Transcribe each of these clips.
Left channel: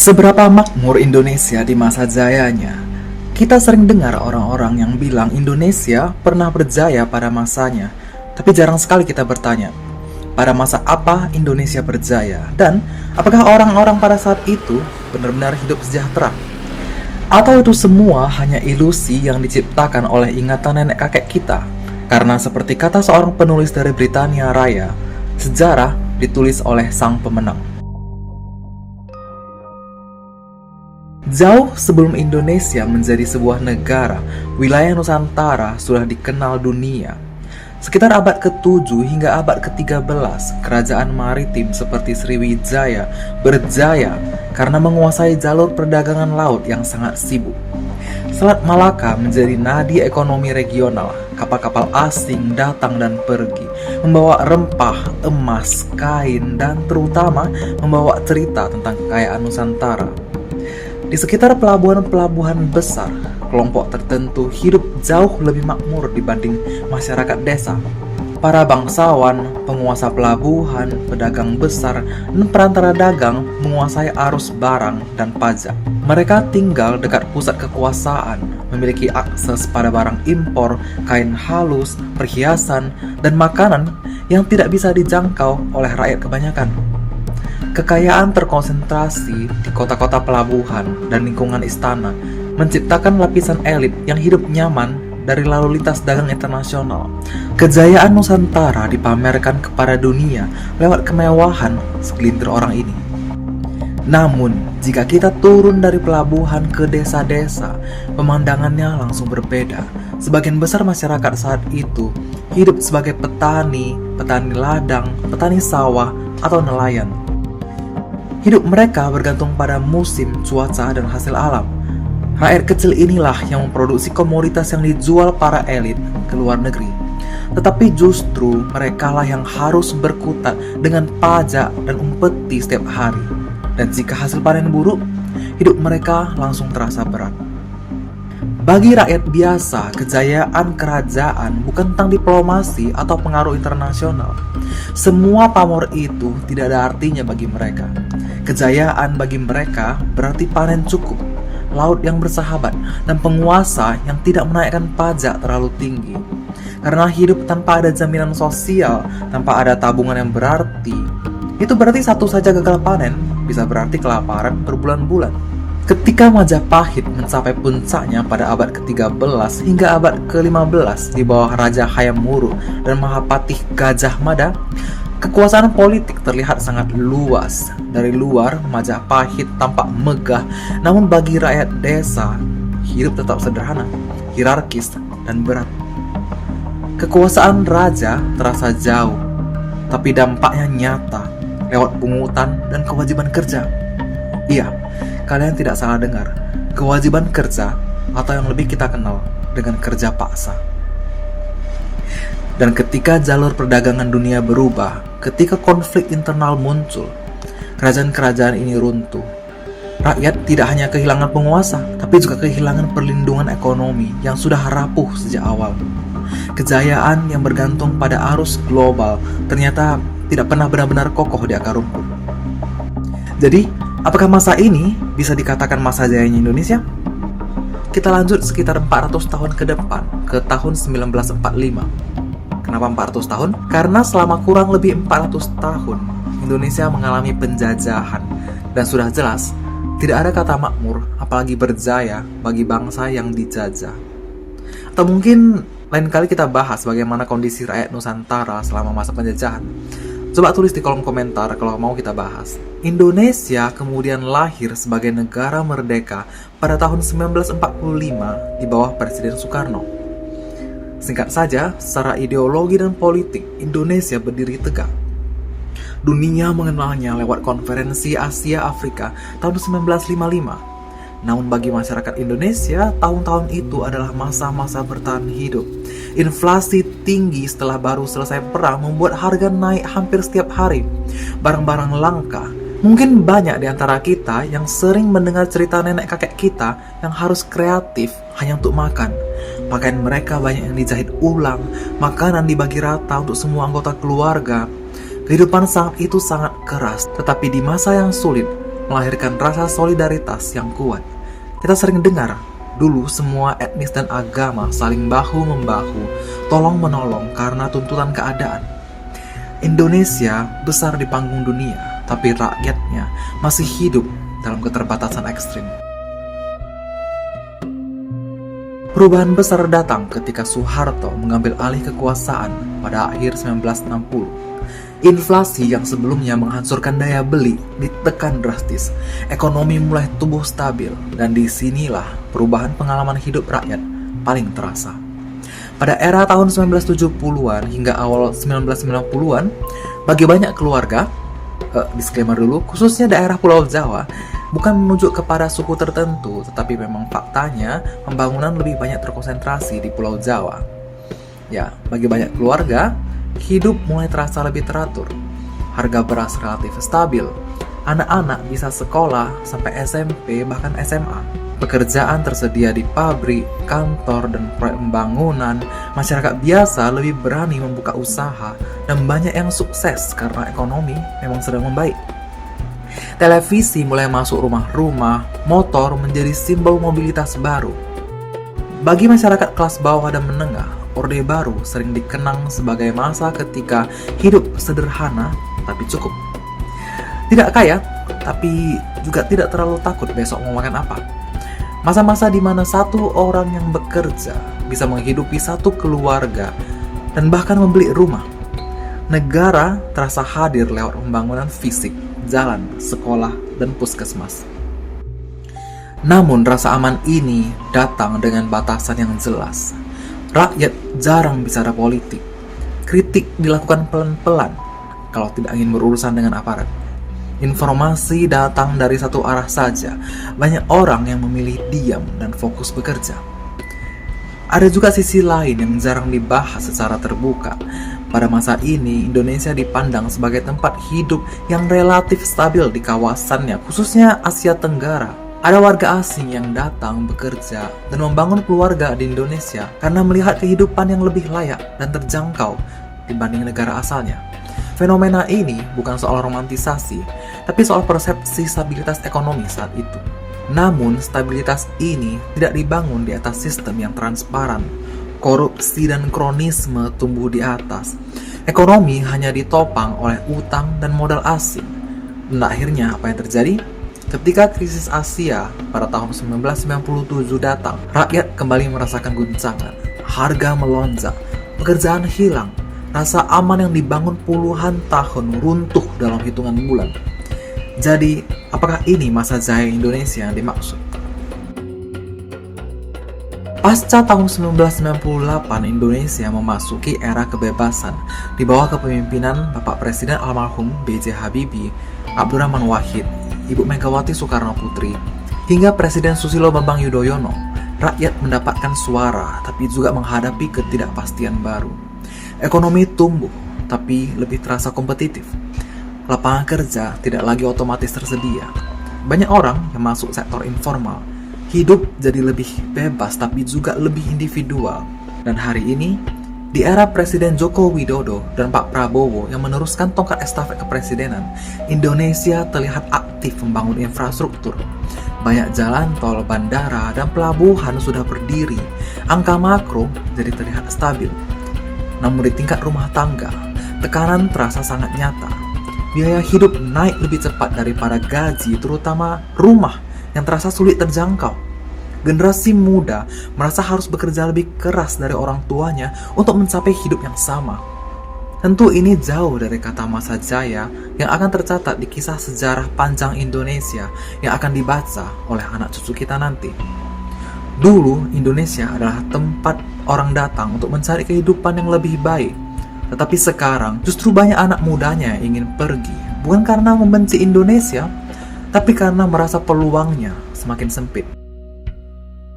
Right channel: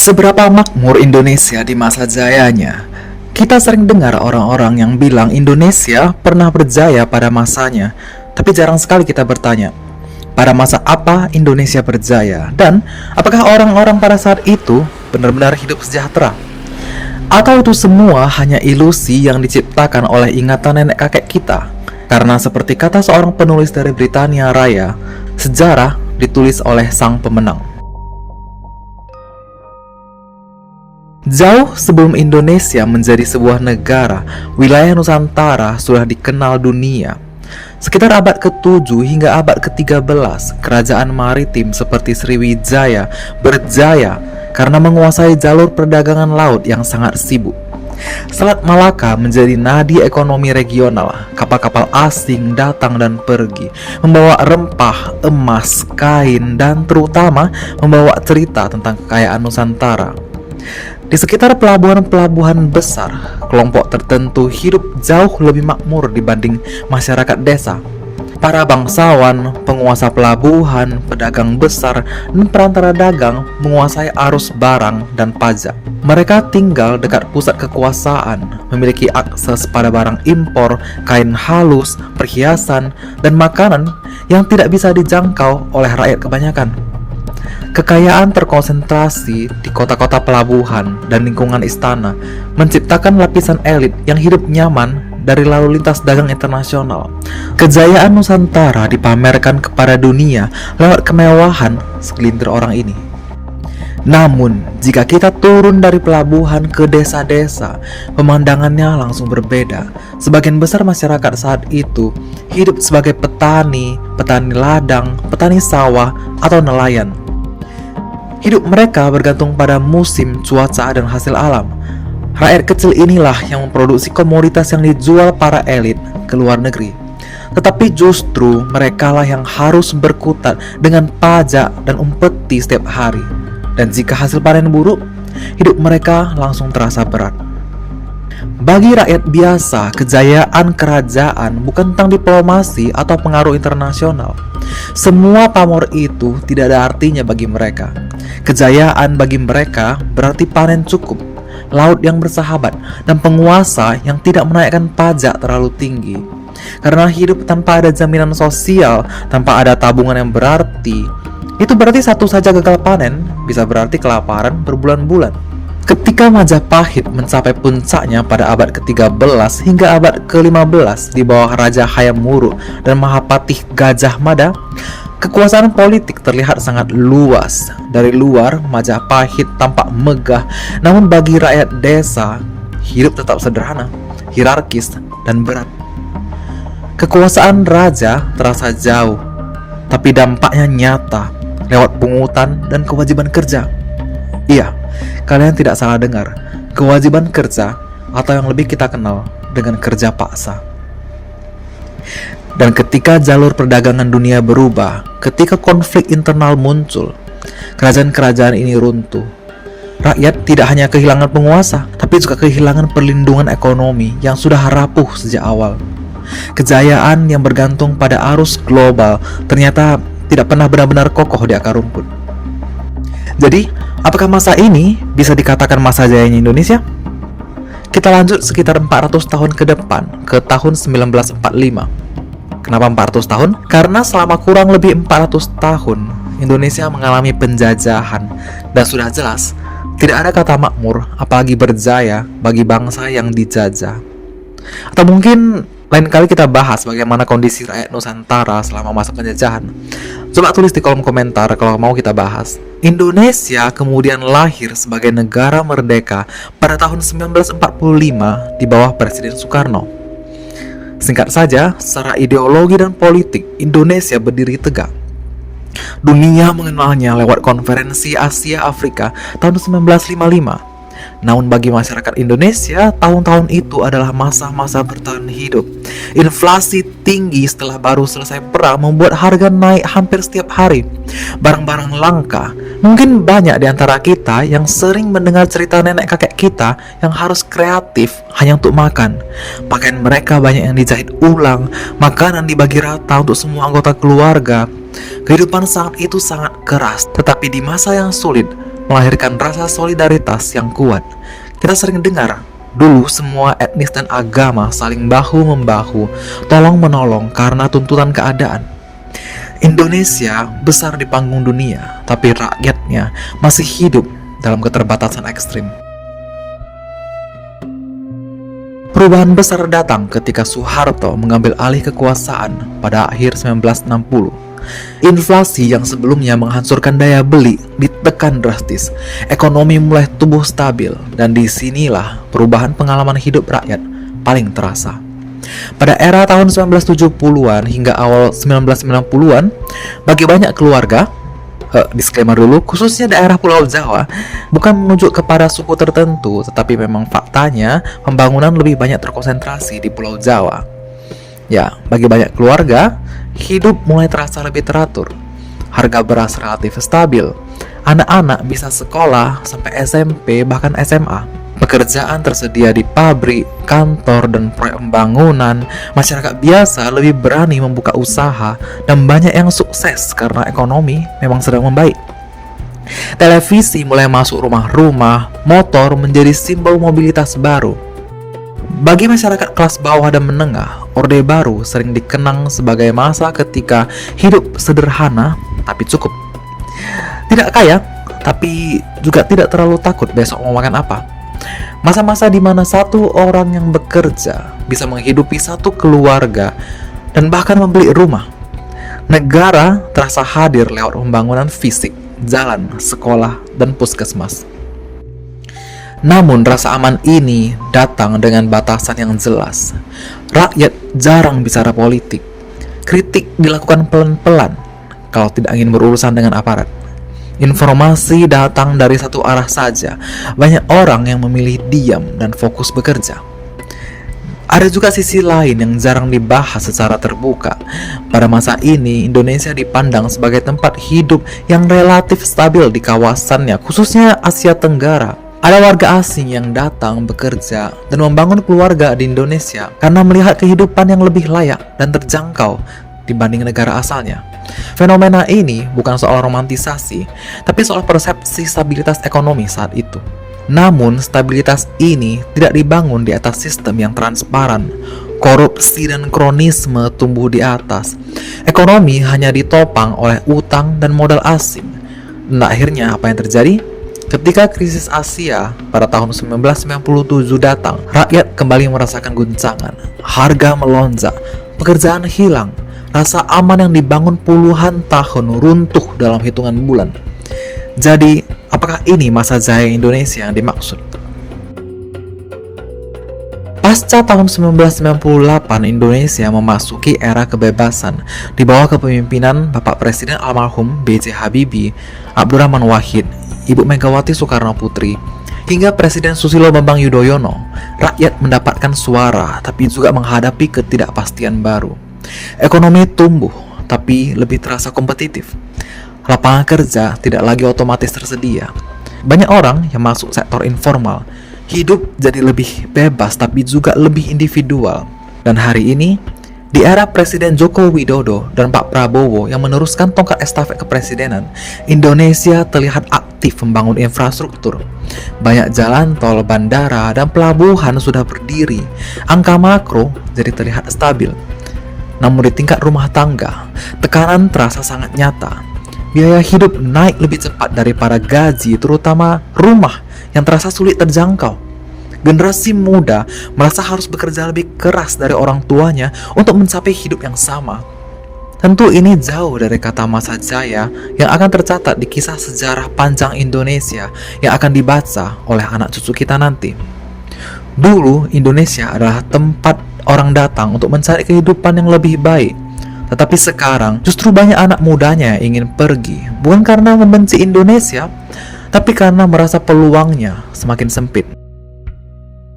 Seberapa makmur Indonesia di masa jayanya? Kita sering dengar orang-orang yang bilang Indonesia pernah berjaya pada masanya, tapi jarang sekali kita bertanya, pada masa apa Indonesia berjaya? Dan apakah orang-orang pada saat itu benar-benar hidup sejahtera? Atau itu semua hanya ilusi yang diciptakan oleh ingatan nenek kakek kita? Karena seperti kata seorang penulis dari Britania Raya, sejarah ditulis oleh sang pemenang. Jauh sebelum Indonesia menjadi sebuah negara, wilayah Nusantara sudah dikenal dunia. Sekitar abad ke-7 hingga abad ke-13, kerajaan maritim seperti Sriwijaya berjaya karena menguasai jalur perdagangan laut yang sangat sibuk. Selat Malaka menjadi nadi ekonomi regional. Kapal-kapal asing datang dan pergi, membawa rempah, emas, kain, dan terutama membawa cerita tentang kekayaan Nusantara. Di sekitar pelabuhan-pelabuhan besar, kelompok tertentu hidup jauh lebih makmur dibanding masyarakat desa. Para bangsawan, penguasa pelabuhan, pedagang besar, dan perantara dagang menguasai arus barang dan pajak. Mereka tinggal dekat pusat kekuasaan, memiliki akses pada barang impor, kain halus, perhiasan, dan makanan yang tidak bisa dijangkau oleh rakyat kebanyakan. Kekayaan terkonsentrasi di kota-kota pelabuhan dan lingkungan istana menciptakan lapisan elit yang hidup nyaman dari lalu lintas dagang internasional. Kejayaan Nusantara dipamerkan kepada dunia lewat kemewahan segelintir orang ini. Namun, jika kita turun dari pelabuhan ke desa-desa, pemandangannya langsung berbeda. Sebagian besar masyarakat saat itu hidup sebagai petani, petani ladang, petani sawah, atau nelayan. Hidup mereka bergantung pada musim, cuaca, dan hasil alam. Rakyat kecil inilah yang memproduksi komoditas yang dijual para elit ke luar negeri. Tetapi justru merekalah yang harus berkutat dengan pajak dan umpeti setiap hari. Dan jika hasil panen buruk, hidup mereka langsung terasa berat. Bagi rakyat biasa, kejayaan kerajaan bukan tentang diplomasi atau pengaruh internasional. Semua pamor itu tidak ada artinya bagi mereka. Kejayaan bagi mereka berarti panen cukup, laut yang bersahabat, dan penguasa yang tidak menaikkan pajak terlalu tinggi. Karena hidup tanpa ada jaminan sosial, tanpa ada tabungan yang berarti, itu berarti satu saja gagal panen bisa berarti kelaparan berbulan-bulan. Ketika Majapahit mencapai puncaknya pada abad ke-13 hingga abad ke-15 di bawah Raja Hayam Wuruk dan Mahapatih Gajah Mada, kekuasaan politik terlihat sangat luas. Dari luar, Majapahit tampak megah, namun bagi rakyat desa, hidup tetap sederhana, hierarkis, dan berat. Kekuasaan raja terasa jauh, tapi dampaknya nyata lewat pungutan dan kewajiban kerja. Iya, kalian tidak salah dengar, kewajiban kerja atau yang lebih kita kenal dengan kerja paksa. Dan ketika jalur perdagangan dunia berubah, ketika konflik internal muncul, kerajaan-kerajaan ini runtuh. Rakyat tidak hanya kehilangan penguasa, tapi juga kehilangan perlindungan ekonomi yang sudah rapuh sejak awal. Kejayaan yang bergantung pada arus global ternyata tidak pernah benar-benar kokoh di akar rumput. Jadi, apakah masa ini bisa dikatakan masa jayanya Indonesia? Kita lanjut sekitar 400 tahun ke depan, ke tahun 1945. Kenapa 400 tahun? Karena selama kurang lebih 400 tahun, Indonesia mengalami penjajahan. Dan sudah jelas, tidak ada kata makmur, apalagi berjaya bagi bangsa yang dijajah. Atau mungkin lain kali kita bahas bagaimana kondisi rakyat Nusantara selama masa penjajahan. Coba tulis di kolom komentar kalau mau kita bahas. Indonesia kemudian lahir sebagai negara merdeka pada tahun 1945 di bawah Presiden Soekarno. Singkat saja, secara ideologi dan politik, Indonesia berdiri tegak. Dunia mengenalnya lewat Konferensi Asia Afrika tahun 1955. Namun bagi masyarakat Indonesia, tahun-tahun itu adalah masa-masa bertahan hidup. Inflasi tinggi setelah baru selesai perang membuat harga naik hampir setiap hari. Barang-barang langka. Mungkin banyak di antara kita yang sering mendengar cerita nenek kakek kita yang harus kreatif hanya untuk makan. Pakaian mereka banyak yang dijahit ulang, makanan dibagi rata untuk semua anggota keluarga. Kehidupan saat itu sangat keras, tetapi di masa yang sulit, melahirkan rasa solidaritas yang kuat. Kita sering dengar, dulu semua etnis dan agama saling bahu-membahu, tolong-menolong karena tuntutan keadaan. Indonesia besar di panggung dunia, tapi rakyatnya masih hidup dalam keterbatasan ekstrim. Perubahan besar datang ketika Soeharto mengambil alih kekuasaan pada akhir 1960. Inflasi yang sebelumnya menghancurkan daya beli ditekan drastis. Ekonomi mulai tumbuh stabil, dan disinilah perubahan pengalaman hidup rakyat paling terasa. Pada era tahun 1970-an hingga awal 1990-an, bagi banyak keluarga, disclaimer dulu, khususnya daerah Pulau Jawa, bukan menunjuk kepada suku tertentu, tetapi memang faktanya pembangunan lebih banyak terkonsentrasi di Pulau Jawa. Ya, bagi banyak keluarga, hidup mulai terasa lebih teratur. Harga beras relatif stabil. Anak-anak bisa sekolah sampai SMP bahkan SMA. Pekerjaan tersedia di pabrik, kantor, dan proyek pembangunan. Masyarakat biasa lebih berani membuka usaha, dan banyak yang sukses karena ekonomi memang sedang membaik. Televisi mulai masuk rumah-rumah, motor menjadi simbol mobilitas baru. Bagi masyarakat kelas bawah dan menengah, Orde Baru sering dikenang sebagai masa ketika hidup sederhana tapi cukup. Tidak kaya, tapi juga tidak terlalu takut besok mau makan apa. Masa-masa di mana satu orang yang bekerja bisa menghidupi satu keluarga dan bahkan membeli rumah. Negara terasa hadir lewat pembangunan fisik, jalan, sekolah, dan puskesmas. Namun rasa aman ini datang dengan batasan yang jelas. Rakyat jarang bicara politik. Kritik dilakukan pelan-pelan kalau tidak ingin berurusan dengan aparat. Informasi datang dari satu arah saja. Banyak orang yang memilih diam dan fokus bekerja. Ada juga sisi lain yang jarang dibahas secara terbuka. Pada masa ini, Indonesia dipandang sebagai tempat hidup yang relatif stabil di kawasannya, khususnya Asia Tenggara. Ada warga asing yang datang bekerja dan membangun keluarga di Indonesia karena melihat kehidupan yang lebih layak dan terjangkau dibanding negara asalnya. Fenomena ini bukan soal romantisasi, tapi soal persepsi stabilitas ekonomi saat itu. Namun, stabilitas ini tidak dibangun di atas sistem yang transparan. Korupsi dan kronisme tumbuh di atas. Ekonomi hanya ditopang oleh utang dan modal asing. Dan akhirnya apa yang terjadi? Ketika krisis Asia pada tahun 1997 datang, rakyat kembali merasakan guncangan. Harga melonjak, pekerjaan hilang, rasa aman yang dibangun puluhan tahun runtuh dalam hitungan bulan. Jadi, apakah ini masa jaya Indonesia yang dimaksud? Pasca tahun 1998, Indonesia memasuki era kebebasan di bawah kepemimpinan Bapak Presiden almarhum B.J. Habibie, Abdurrahman Wahid, Ibu Megawati Soekarno Putri, hingga Presiden Susilo Bambang Yudhoyono. Rakyat mendapatkan suara, tapi juga menghadapi ketidakpastian baru. Ekonomi tumbuh, tapi lebih terasa kompetitif. Lapangan kerja tidak lagi otomatis tersedia. Banyak orang yang masuk sektor informal. Hidup jadi lebih bebas, tapi juga lebih individual. Dan hari ini, di era Presiden Joko Widodo dan Pak Prabowo yang meneruskan tongkat estafet kepresidenan, Indonesia terlihat aktif membangun infrastruktur. Banyak jalan tol, bandara, dan pelabuhan sudah berdiri. Angka makro jadi terlihat stabil. Namun di tingkat rumah tangga, tekanan terasa sangat nyata. Biaya hidup naik lebih cepat daripada gaji, terutama rumah yang terasa sulit terjangkau. Generasi muda merasa harus bekerja lebih keras dari orang tuanya untuk mencapai hidup yang sama. Tentu ini jauh dari kata masa jaya yang akan tercatat di kisah sejarah panjang Indonesia yang akan dibaca oleh anak cucu kita nanti. Dulu, Indonesia adalah tempat orang datang untuk mencari kehidupan yang lebih baik. Tetapi sekarang, justru banyak anak mudanya yang ingin pergi, bukan karena membenci Indonesia, tapi karena merasa peluangnya semakin sempit.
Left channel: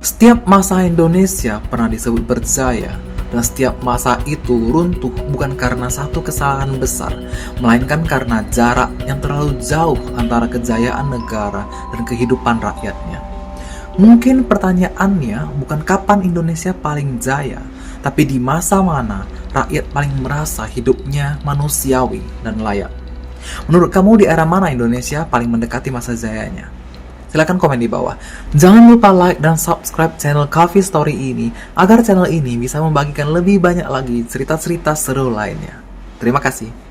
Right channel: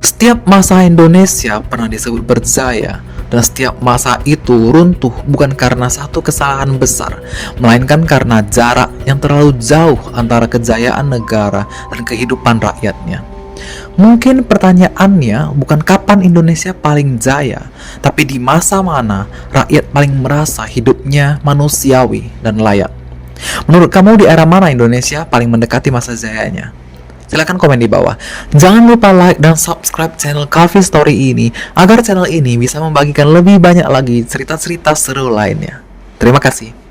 Setiap masa Indonesia pernah disebut berjaya, dan setiap masa itu runtuh bukan karena satu kesalahan besar, melainkan karena jarak yang terlalu jauh antara kejayaan negara dan kehidupan rakyatnya. Mungkin pertanyaannya bukan kapan Indonesia paling jaya, tapi di masa mana rakyat paling merasa hidupnya manusiawi dan layak. Menurut kamu di era mana Indonesia paling mendekati masa jayanya? Silahkan komen di bawah. Jangan lupa like dan subscribe channel Coffee Story ini agar channel ini bisa membagikan lebih banyak lagi cerita-cerita seru lainnya. Terima kasih.